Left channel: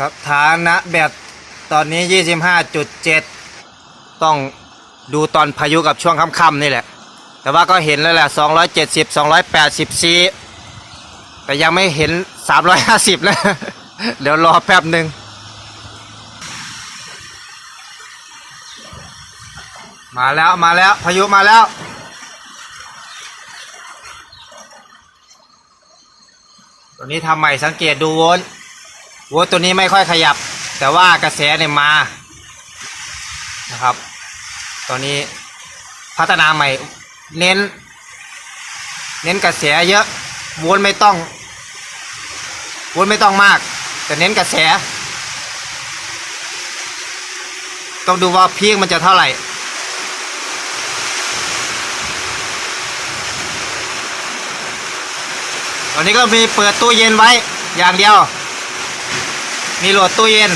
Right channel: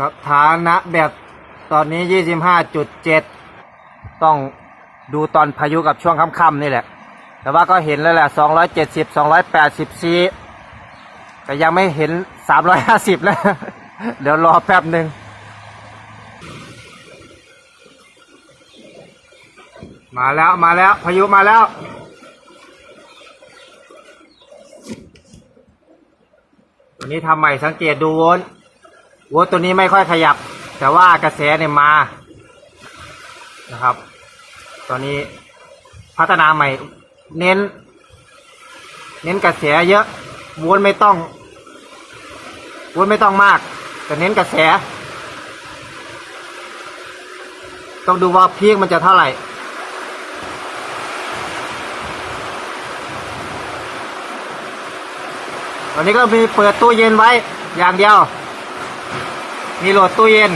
สถานะแบตตอนนี้ 25.7 ต้องดูตอนพายุกับช่วงค่ำๆนี่แหละ แต่ว่าก็เห็นแล้วแหละ 270 280ซีแต่ยังไม่เห็น 350 นะ เดี๋ยวรอแป๊บหนึ่งมาแล้วมาแล้วพายุมาแล้วตัวนี้ทำใหม่สังเกตดูวล ต์โวตัวนี้ไม่ค่อยขยับ แต่ว่ากระแสเนี่ยมานะครับ ตอนนี้พัฒนาใหม่เน้น เน้นกระแสเยอะวลต์ไม่ต้องวลต์ไม่ต้องมาก แต่เน้นกระแส ต้องดูว่าพีคมันจะเท่าไหร่ตอนนี้ก็มีเปิดตู้เย็นไว้อย่างเดียว มีโหลดตู้เย็น